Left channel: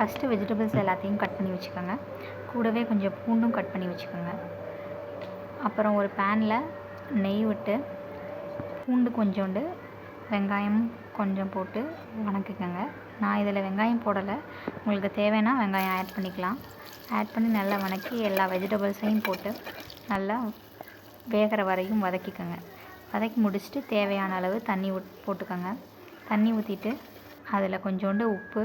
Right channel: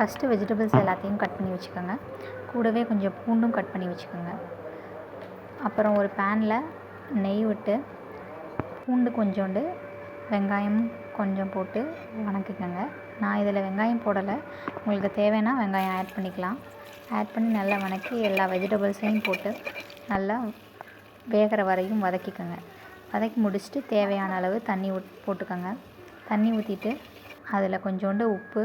First vegetables எல்லாத்தையும் cut பண்ணி வச்சுக்கோங்க. கூடவே கொஞ்சம் பூண்டும் கட் பண்ணி வச்சுக்கோங்க. அப்புறம் ஒரு பேனில் நெய் விட்டு பூண்டு கொஞ்சோண்டு வெங்காயம் கொஞ்சம் போட்டு வணக்கிக்கோங்க. நான் இதில் வெங்காயம் போடலை, உங்களுக்கு தேவைன்னா வெங்காயம் ஆட் பண்ணிக்கலாம். ஆட் பண்ணி நல்லா வணக்கி எல்லா வெஜிடபிள்ஸையும் போட்டு நல்லா வேகிற வரையும் வதக்கிக்கோங்க. வதக்கி முடிச்சுட்டு தேவையான அளவு தண்ணி போட்டுக்கோங்க. தண்ணி ஊற்றிட்டு அதில் கொஞ்சோண்டு உப்பு,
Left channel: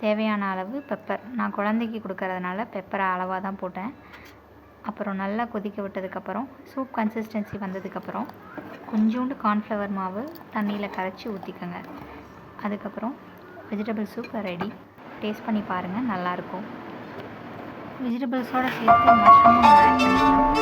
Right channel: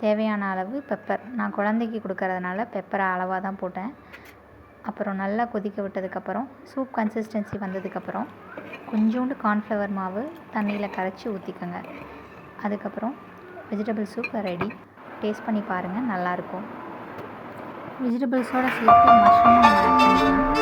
தேவையான அளவு பெப்பர், நான் குழந்தைக்கு கொடுக்கறதுனால பெப்பரை அளவாக தான் போட்டேன். அப்புறம் நல்லா கொதிக்க விட்டதுக்கப்புறம் சூப் கன்சிஸ்டன்சி வந்ததுக்கப்புறம் கொஞ்சோண்டு கார்ன்ஃப்ளவர் மாவு தண்ணியில் கரைச்சி ஊற்றிக்கோங்க. அதுக்கப்புறம் வெஜிடபிள் சூப் ரெடி. டேஸ்ட் பண்ணி பாருங்கள், நல்லாயிருக்கும். வெஜிடபிள்ஸோடு சேர்த்து மஷ்ரூமும் ஆட் பண்ணிக்கலாம்.